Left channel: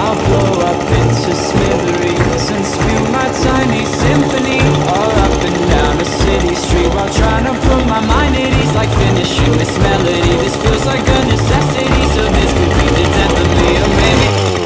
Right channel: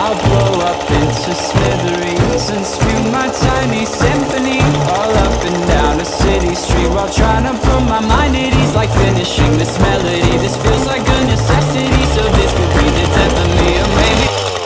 I'll blow up into smithereens and spew my tiny symphony all up and down a city street while trying to put my mind at ease. Like finishing this melody, this feels like a necessity. So this could be the death of me, or maybe